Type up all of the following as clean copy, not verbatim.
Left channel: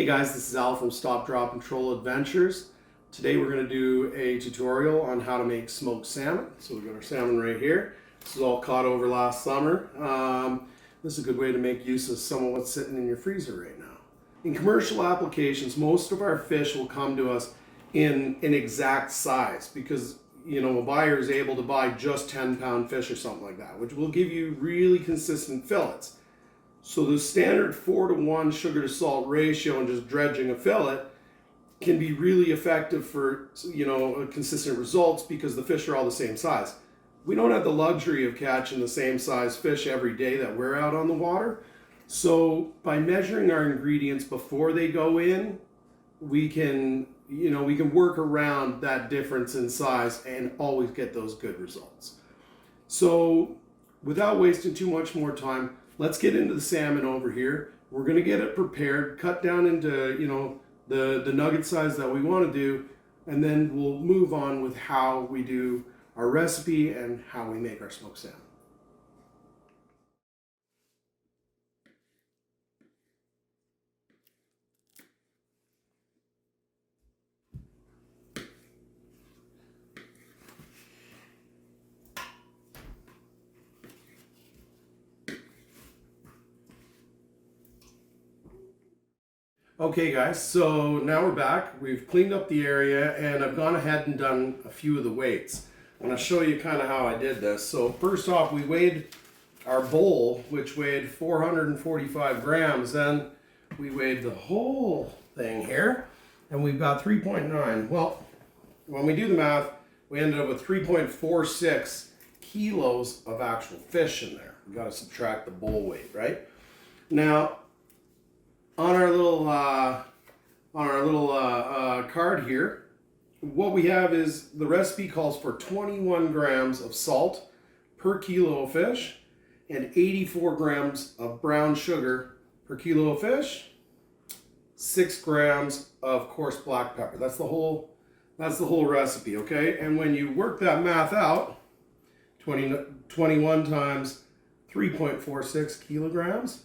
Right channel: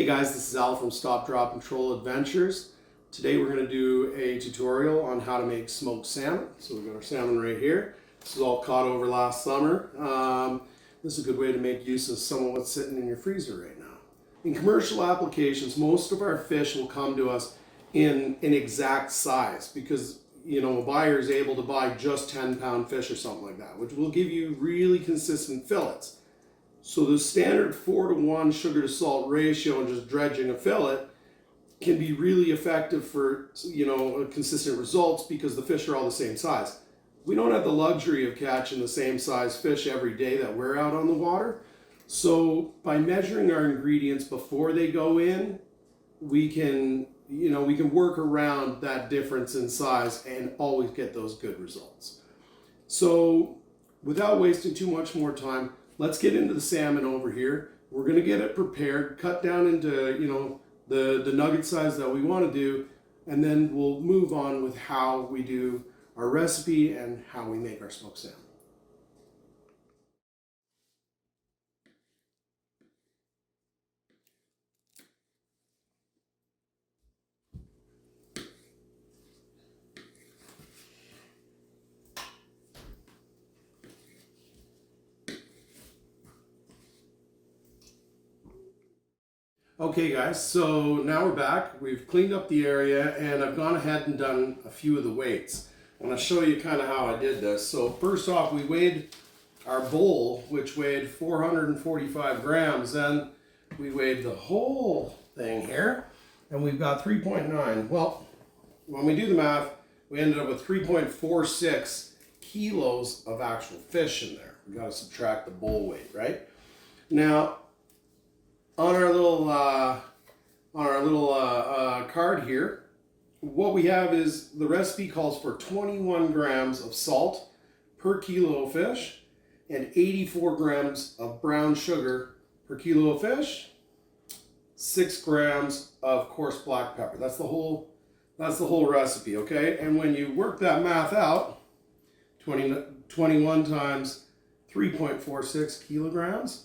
Hey guys, this is Al from Stop, Drop, and Troll Adventures. Today we're going to do a tutorial on how to make smoked salmon. So we've got our salmon right here. This is all caught over last summer. This is a good way to make use of some of what's sitting in your freezer right now. In commercial applications, most of our fish will come to us in an exact size because a buyer is able to buy just 10-pound fish or something like that, which will give you really consistent fillets. So the standard 4-to-1 sugar to salt ratio and just dredging a fillet can be really effective for consistent results because the fish are all the same size. We don't have the luxury of catching the same size fish every day that we're out on the water. So by measuring our ingredients before they go in, we can work around that difference in size and always get those good results. So without wasting too much more time, let's get into the salmon over here. We're going to get it prepared, cut down into the nugget size that we want to do, and then we'll move on with how we do our recipe and how we make our smoked salmon. Okay guys, so now we're back. We've cleaned up the area and I've gone ahead and done a few of the weights. I'm going to show you kind of how I did this. So first off, we weighed our bowl, which weighed 445 grams. Then we weighed the whole thing here and we've got 3.9. Well, when we do the math, we ended up with 3.46 kilos of actual fish in there. We got to subtract the bowl weight, right? Now, on our little card here, what we have is the recipe calls for 21 grams of salt per kilo of fish and 84 grams of brown sugar per kilo of fish, 6 grams of coarse black pepper. That's the whole recipe, okay? And when you work that math out, 21 times 3.46 kilograms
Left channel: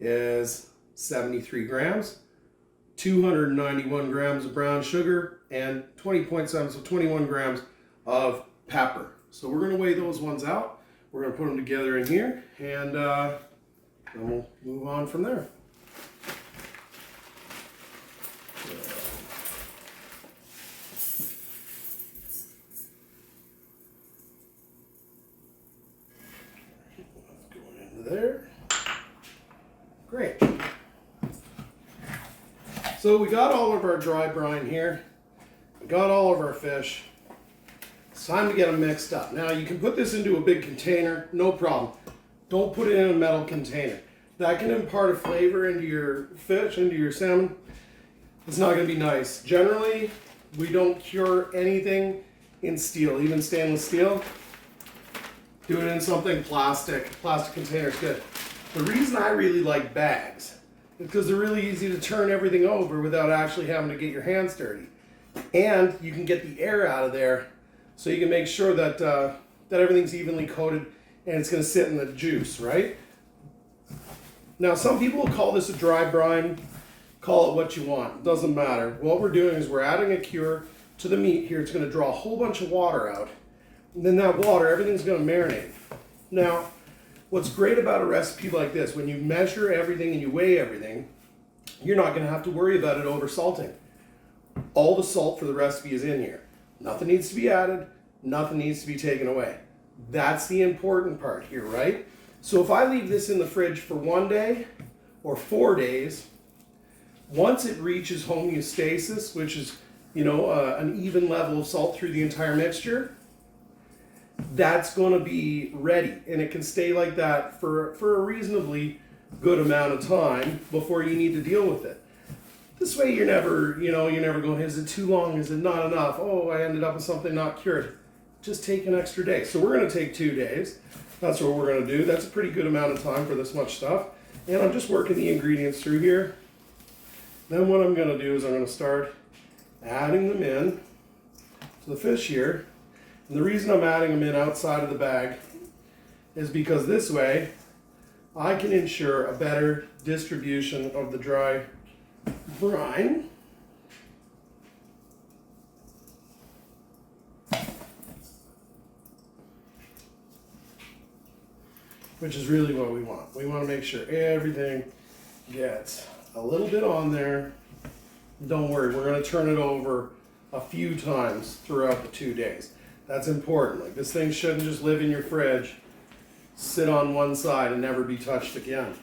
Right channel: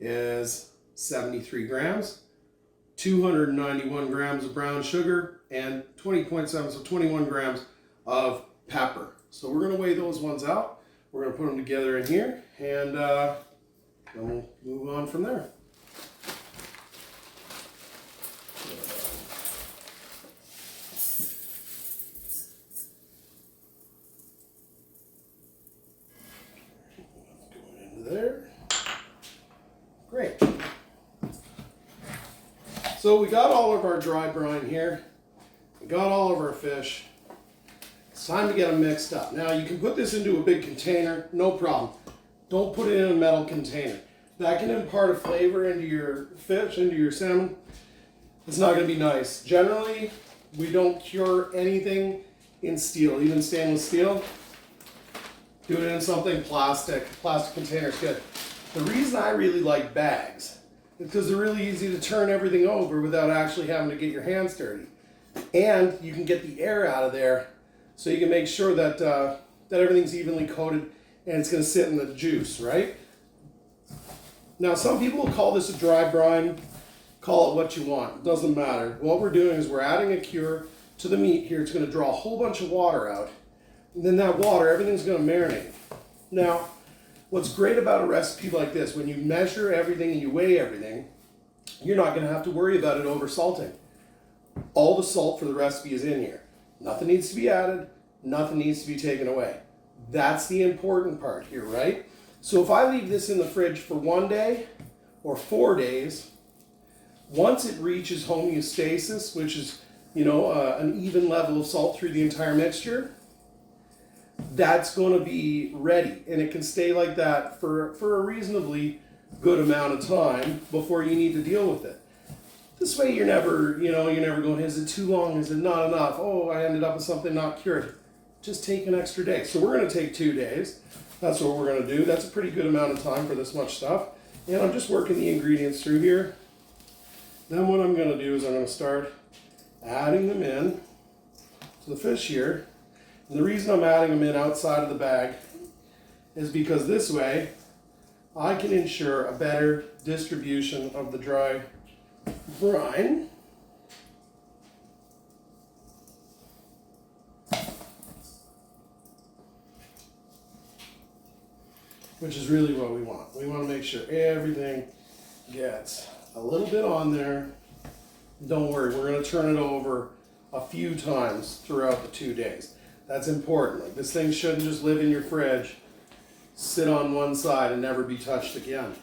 is 73 grams, 291 grams of brown sugar, and 20.7, so 21 grams of pepper. So we're going to weigh those ones out. We're going to put them together in here, and then we'll move on from there. Going into there. Great. So we got all of our dry brine here. We got all of our fish. It's time to get them mixed up. Now you can put this into a big container, no problem. Don't put it in a metal container. That can impart a flavor into your fish, into your salmon. It's not going to be nice. Generally, we don't cure anything in steel, even stainless steel. Do it in something plastic. Plastic container is good. The reason I really like bags because they're really easy to turn everything over without actually having to get your hands dirty. And you can get the air out of there so you can make sure that, that everything's evenly coated and it's going to sit in the juice, right? Now, some people will call this a dry brine. Call it what you want. It doesn't matter. What we're doing is we're adding a cure to the meat here. It's going to draw a whole bunch of water out. And then that water, everything's going to marinate. Now, what's great about a recipe like this, when you measure everything and you weigh everything, you're not going to have to worry about it over salting. All the salt for the recipe is in here. Nothing needs to be added. Nothing needs to be taken away. That's the important part here, right? So if I leave this in the fridge for 1 day or 4 days, once it reaches homeostasis, which is, an even level of salt through the entire mixture, that's going to be ready, and it can stay like that for a reasonably good amount of time before you need to deal with it. This way you're never going, is it too long? Is it not enough? Oh, I ended up with something not cured. Just take an extra day. So we're going to take 2 days. That's what we're going to do. That's a pretty good amount of time for this much stuff. And I'm just working the ingredients through here. Then what I'm going to do is I'm going to start adding them in to the fish here. And the reason I'm adding them in outside of the bag is because this way I can ensure a better distribution of the dry brine. Which is really what we want. We want to make sure everything gets a little bit on there. Don't worry, we're going to turn it over a few times throughout the 2 days. That's important. Like, this thing shouldn't just live in your fridge, sit on one side and never be touched again.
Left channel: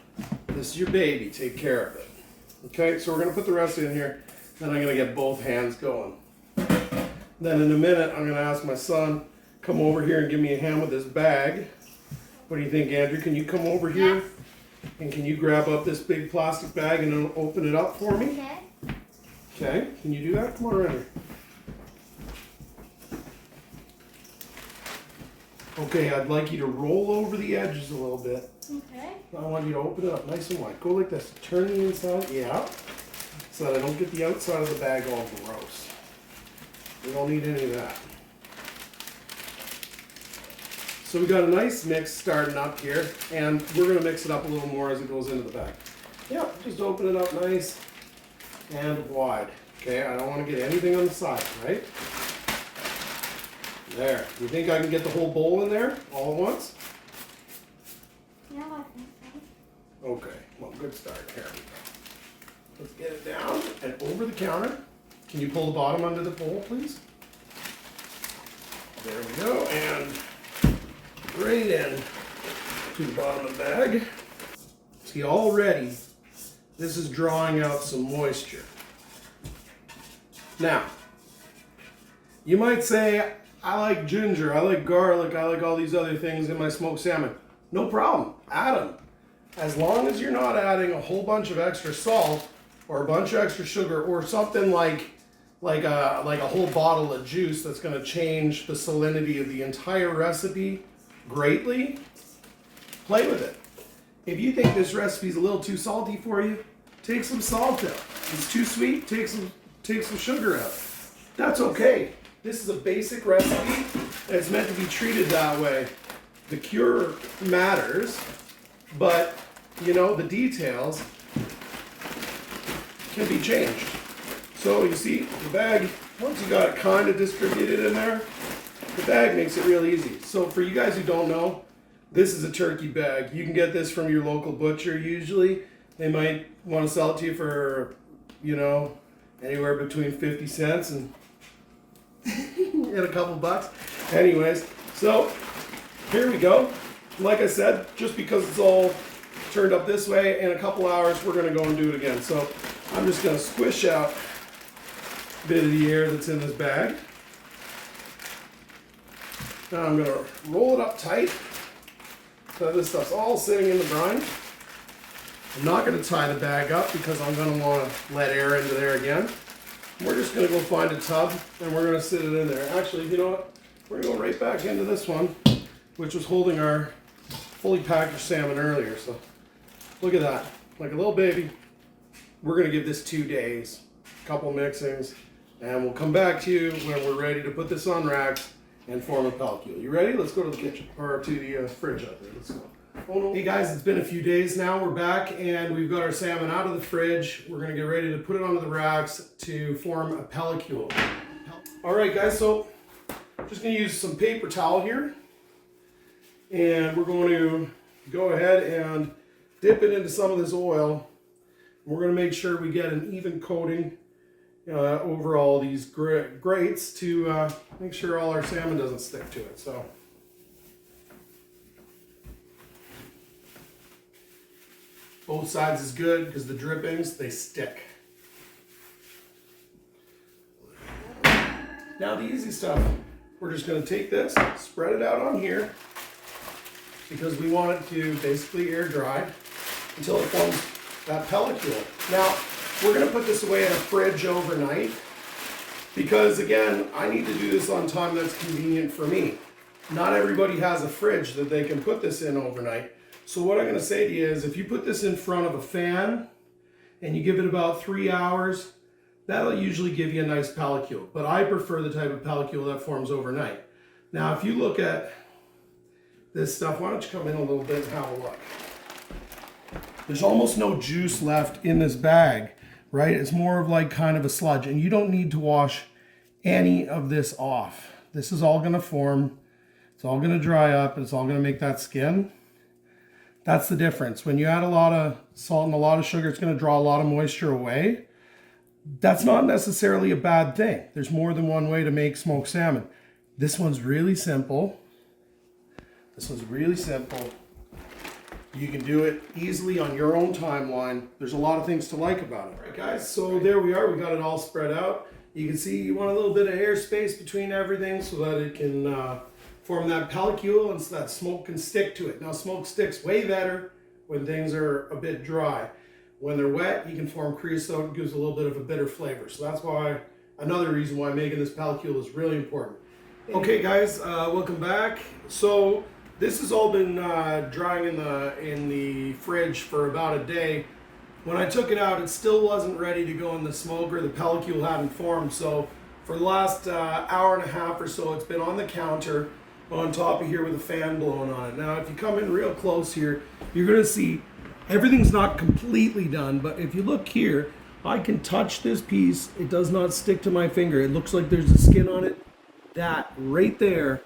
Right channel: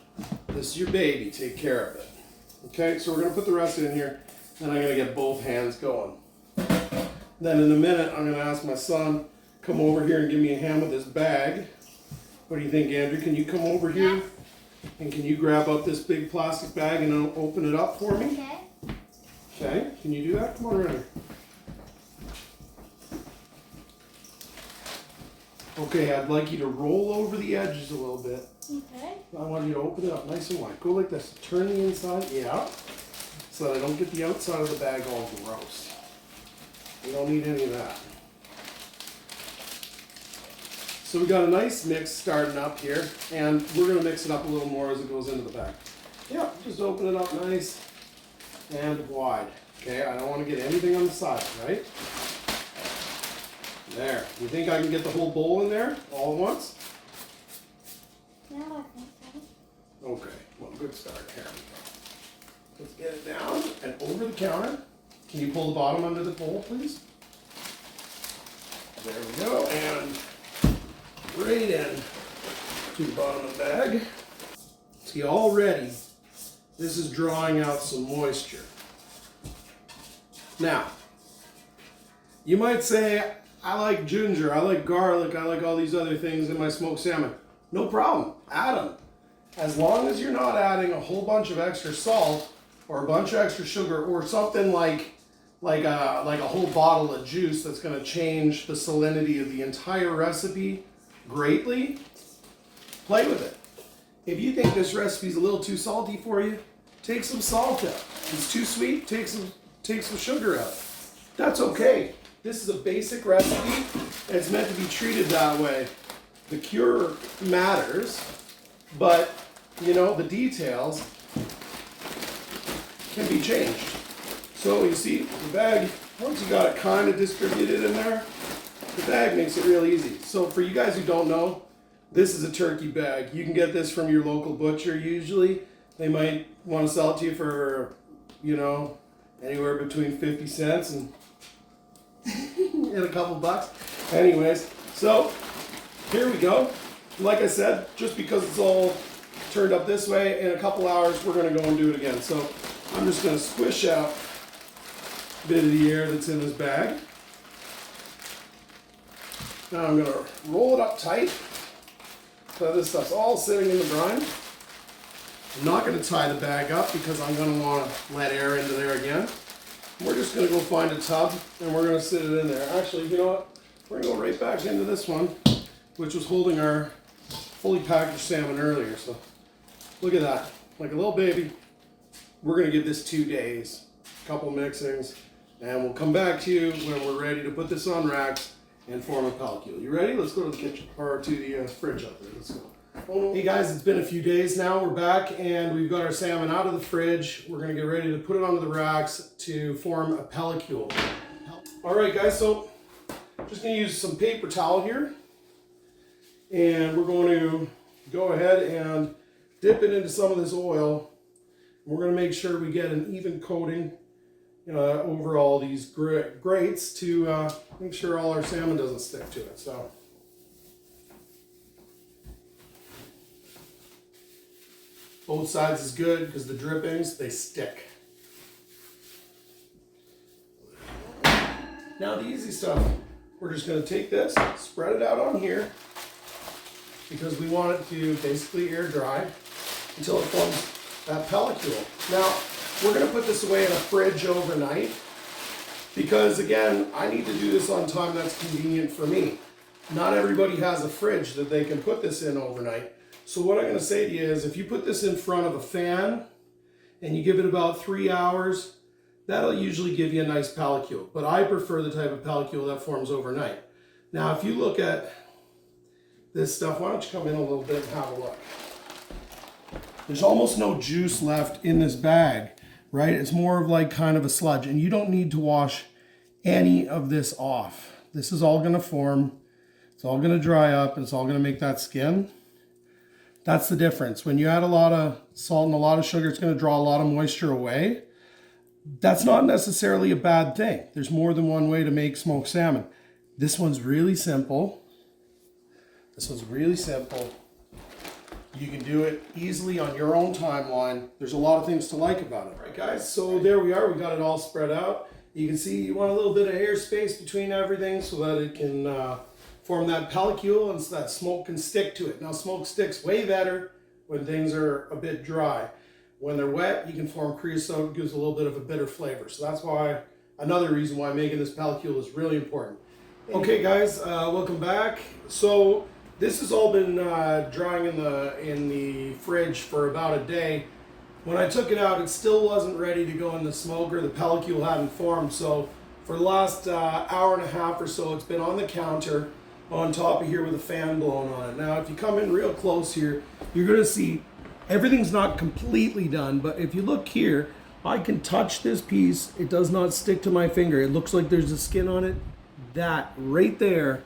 This is your baby, take care of it. Okay, so we're going to put the rest in here, then I'm going to get both hands going. Then in a minute, I'm going to ask my son, come over here and give me a hand with this bag. What do you think, Andrew? Can you come over here? And can you grab up this big plastic bag and open it up for me? Okay. Okay, can you do that? Come on around here. Okay, I'd like you to roll over the edges a little bit. Okay. I want you to open it up nice and wide. Go like this. Turn the inside. Yeah. So that I don't get the outside of the bag all gross. We don't need any of that. So we got a nice mix starting up here, and we're going to mix it up a little more as it goes into the bag. Yeah, just open it up nice and wide. Okay, I don't want to get anything on the side, right? There. You think I can get the whole bowl in there all at once? No, I think so. Okay, well, good start. Here we go. Let's get it down and over the counter. Can you pull the bottom under the bowl, please? There we go, and right in to the bottom of the bag. See, already this is drawing out some moisture. Now, you might say, I like ginger, I like garlic, I like all these other things in my smoked salmon. No problem, add them. As long as you're not adding a whole bunch of extra salt or a bunch of extra sugar or something like a whole bottle of juice that's going to change the salinity of the entire recipe greatly, play with it. If you think this recipe is a little too salty for you, take some salt out. If it's too sweet, take some sugar out. That's okay. This is a basic recipe and it's meant to be treated that way. The cure matters, but you know, the details can be changed. So you see, the bag, once you got it kind of distributed in there, the bag makes it real easy. So for you guys who don't know, this is a turkey bag. You can get this from your local butcher usually. They might want to sell it to you for, you know, anywhere between 50 cents and, and a couple bucks. Anyways, so here we go. Like I said, just because it's all turned up this way, in a couple hours we're going to go and do it again. So I'm just going to squish out a bit of the air that's in this bag. Now I'm going to roll it up tight so this stuff's all sitting in the brine. I'm not going to tie the bag up because I'm going to want to let air into there again. We're just going to go find a tub and we're going to sit it in there. Actually, you know what? We're going to go right back into this one, which was holding our fully packaged salmon earlier. So look at that, like a little baby. We're going to give this 2 days, a couple mixings, and we'll come back to you when we're ready to put this on racks and form a pellicle. You ready? Let's go to the kitchen, or to the fridge out there. Let's go. Oh, no. Hey guys, it's been a few days now. We're back and we've got our salmon out of the fridge. We're gonna get ready to put it onto the racks to form a pellicle. All right guys, so I'm just gonna use some paper towel here. And we're going to go ahead and dip it into some of this oil. We're gonna make sure we get an even coating over all these grates to make sure all our salmon doesn't stick to it. So both sides is good because the drippings, they stick. Now the easy stuff, we're just going to take this, spread it out on here because we want it to basically air dry until it forms that pellicule. Now we're going to put this away in a fridge overnight because again, I need to do this on time that's convenient for me. Not everybody has a fridge that they can put this in overnight. So what I'm going to say to you is if you put this in front of a fan and you give it about 3 hours, that'll usually give you a nice pellicule. But I prefer the type of pellicule that forms overnight. Now, if you look at this stuff, why don't you come in a little bit and have a look. There's almost no juice left in this bag right? It's more of like kind of a sludge, and you don't need to wash any of this off. This is all gonna form, it's all gonna dry up, and it's all gonna make that skin. That's the difference. When you add a lot of salt and a lot of sugar, it's gonna draw a lot of moisture away. That's not necessarily a bad thing. There's more than one way to make smoked salmon. This one's really simple. This one's really simple. You can do it easily on your own timeline. There's a lot of things to like about it. All right, guys, so there we are. We got it all spread out. You can see you want a little bit of airspace between everything so that it can form that pellicule and so that smoke can stick to it. Now, smoke sticks way better when things are a bit dry. When they're wet, you can form creosote. It gives a little bit of a bitter flavor. So that's why, another reason why making this pellicule is really important. Okay, guys, welcome back. So this has all been drying in the fridge for about a day. When I took it out, it still wasn't ready to go in the smoker. The pellicule hadn't formed. So for the last hour and a half or so, it's been on the counter on top of here with a fan blowing on it. Now, if you come in real close here, you're gonna see everything's not completely done, but if you look here, I can touch this piece. It does not stick to my finger. It looks like there's a skin on it. That right there,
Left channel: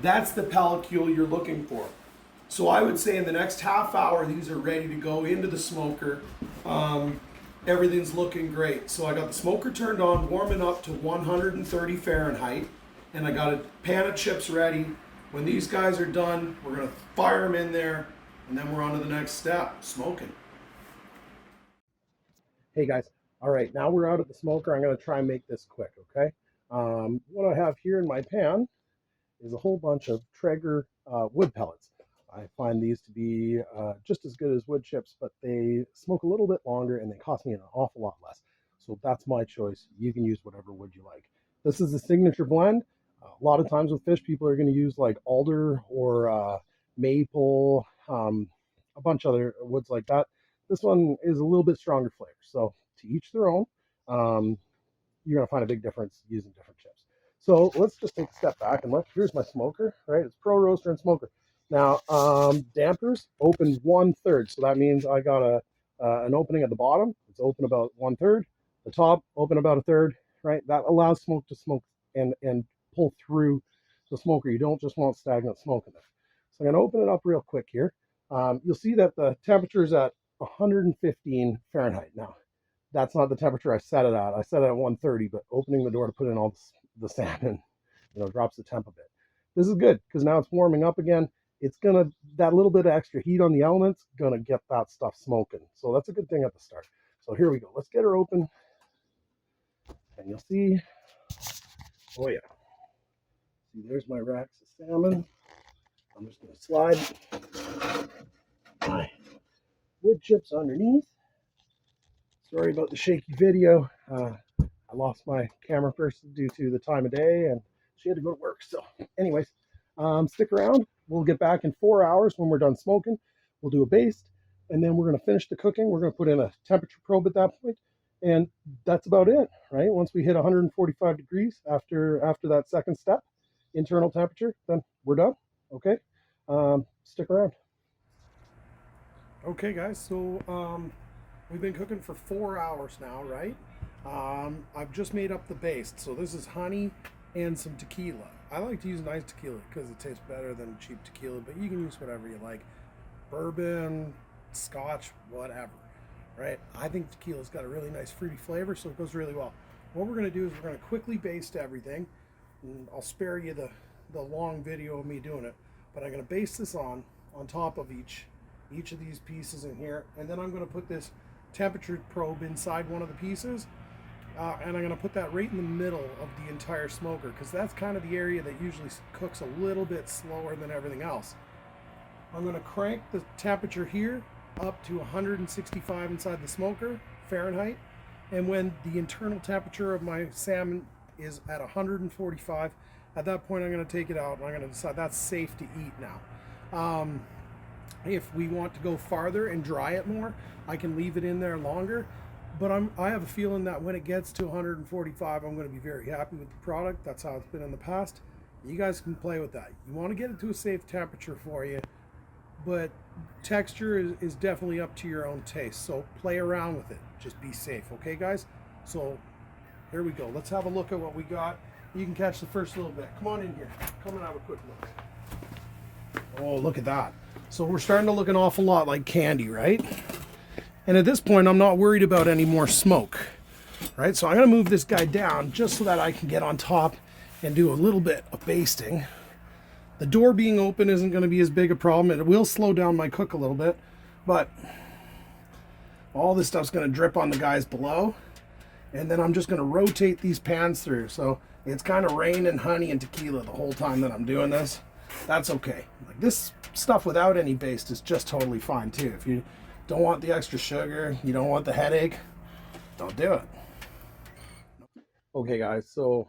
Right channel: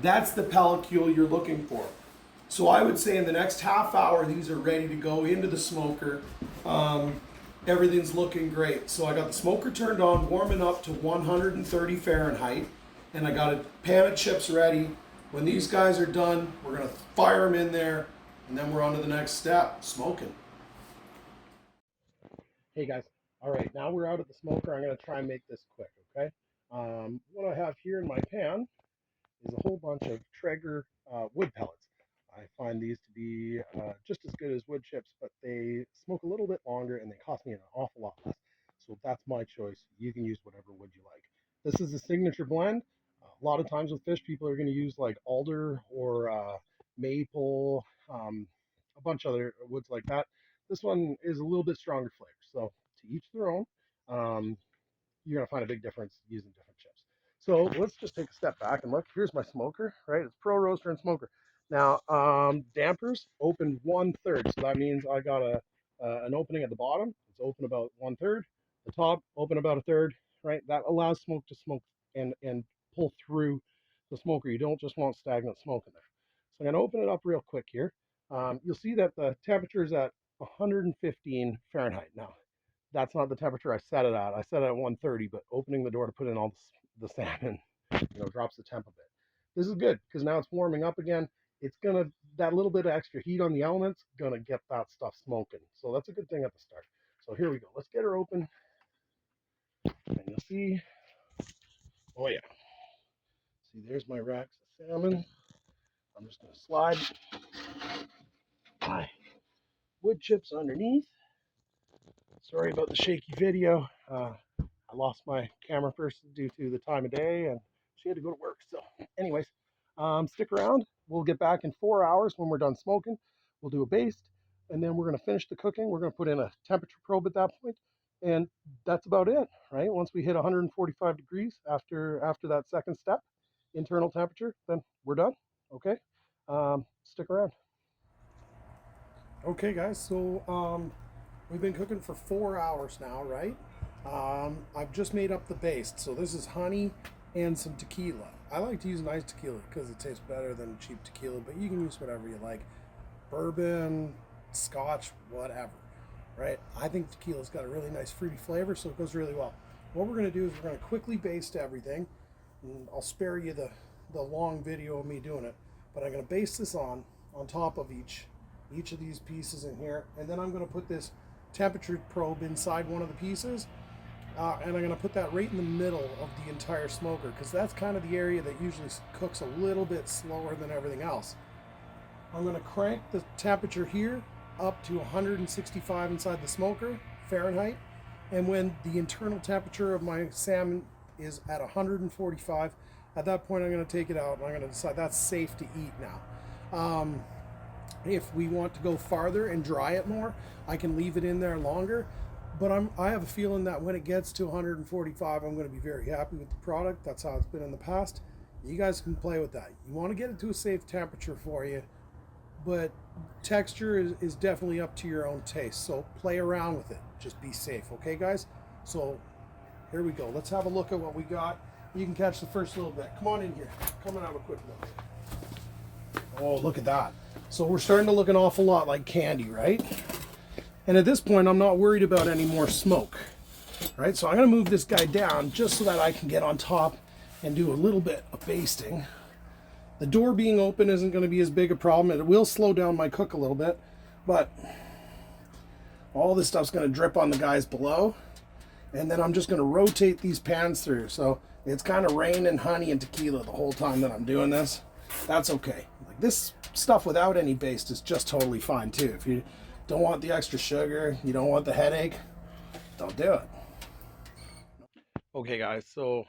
that's the pellicule you're looking for. So I would say in the next half hour, these are ready to go into the smoker. Everything's looking great. So I got the smoker turned on, warming up to 130 Fahrenheit, and I got a pan of chips ready. When these guys are done, we're gonna fire them in there, and then we're on to the next step, smoking. Hey guys, all right, now we're out at the smoker. I'm gonna try and make this quick, okay? What I have here in my pan is a whole bunch of Traeger wood pellets. I find these to be just as good as wood chips, but they smoke a little bit longer and they cost me an awful lot less. So that's my choice. You can use whatever wood you like. This is a signature blend. A lot of times with fish, people are going to use like alder or maple, a bunch of other woods like that. This one is a little bit stronger flavor. So to each their own. You're going to find a big difference using different chips. So let's just take a step back and look. Here's my smoker, right? It's Pro Roaster and Smoker. Now, dampers open 1/3. So that means I got an opening at the bottom. It's open about 1/3. The top open about 1/3, right? That allows smoke to smoke and pull through the smoker. You don't just want stagnant smoke in there. So I'm going to open it up real quick here. You'll see that the temperature is at 115 Fahrenheit. Now, that's not the temperature I set it at. I set it at 130, but opening the door to put in all the salmon, drops the temp a bit. This is good because now it's warming up again. It's gonna, that little bit of extra heat on the elements, gonna get that stuff smoking. So that's a good thing at the start. So here we go. Let's get her open, and you'll see. Oh yeah. See, there's my racks of salmon. I'm just gonna slide my wood chips underneath. Sorry about the shaky video. I lost my camera person due to the time of day, and she had to go to work. So anyways, stick around. We'll get back in 4 hours when we're done smoking. We'll do a baste, and then we're going to finish the cooking. We're going to put in a temperature probe at that point, and that's about it, right? Once we hit 145 degrees after that second step, internal temperature, then we're done, okay? Stick around. Okay, guys, so we've been cooking for 4 hours now, right? I've just made up the baste. So this is honey and some tequila. I like to use nice tequila because it tastes better than cheap tequila, but you can use whatever you like. Bourbon, scotch, whatever, right? I think tequila's got a really nice fruity flavor, so it goes really well. What we're gonna do is we're gonna quickly baste everything. And I'll spare you the long video of me doing it, but I'm gonna baste this on top of each of these pieces in here, and then I'm gonna put this temperature probe inside one of the pieces, and I'm going to put that right in the middle of the entire smoker because that's kind of the area that usually cooks a little bit slower than everything else. I'm going to crank the temperature here up to 165 inside the smoker Fahrenheit, and when the internal temperature of my salmon is at 145, at that point I'm going to take it out and I'm going to decide that's safe to eat now. If we want to go farther and dry it more, I can leave it in there longer, but I have a feeling that when it gets to 145, I'm going to be very happy with the product. That's how it's been in the past. You guys can play with that. You want to get it to a safe temperature for you. but texture is definitely up to your own taste. So play around with it. Just be safe, okay, guys? So here we go. Let's have a look at what we got. You can catch the first little bit. Come on in here. Come and have a quick look. Oh, look at that. So we're starting to look an awful lot like candy, right? And at this point, I'm not worried about any more smoke, right? So I'm going to move this guy down just so that I can get on top and do a little bit of basting. The door being open isn't going to be as big a problem. It will slow down my cook a little bit, but all this stuff's going to drip on the guys below. And then I'm just going to rotate these pans through. So it's kind of raining honey and tequila the whole time that I'm doing this. That's okay. Like this stuff without any baste is just totally fine too. If you don't want the extra sugar, you don't want the headache, don't do it. Okay guys, so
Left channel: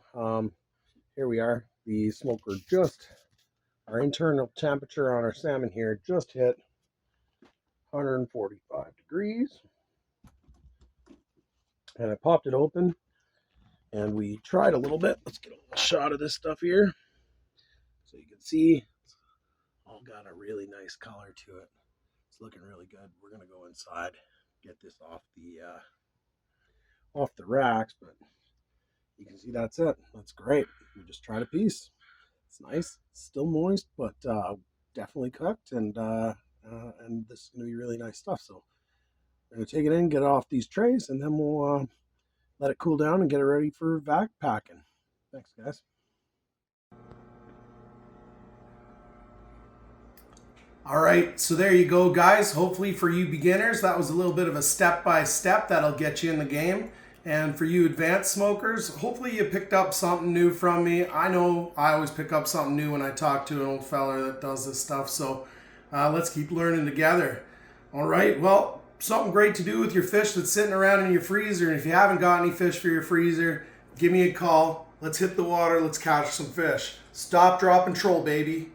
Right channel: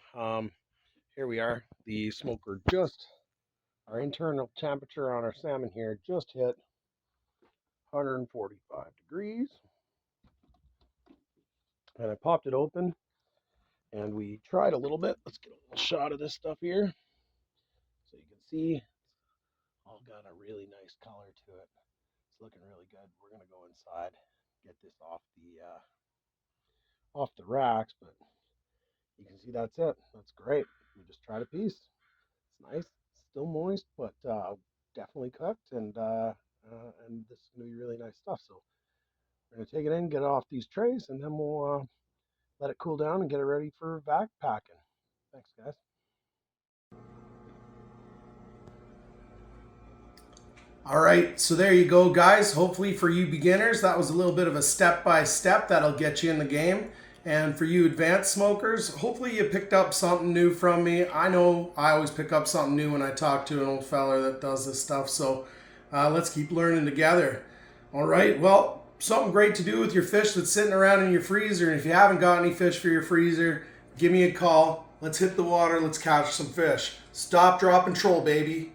here we are. The smoker just, our internal temperature on our salmon here just hit 145 degrees. And I popped it open and we tried a little bit. Let's get a little shot of this stuff here. So you can see it's all got a really nice color to it. It's looking really good. We're gonna go inside, get this off the racks, but you can see that's it. That's great. We just tried a piece. It's nice, it's still moist, but definitely cooked, and this is gonna be really nice stuff. So we're gonna take it in, get it off these trays, and then we'll let it cool down and get it ready for vac packing. Thanks, guys. All right, so there you go, guys. Hopefully for you beginners, that was a little bit of a step-by-step that'll get you in the game. And for you advanced smokers, hopefully you picked up something new from me. I know I always pick up something new when I talk to an old fella that does this stuff. So let's keep learning together. All right, well, something great to do with your fish that's sitting around in your freezer. And if you haven't got any fish for your freezer, give me a call. Let's hit the water. Let's catch some fish. Stop, drop, and troll, baby.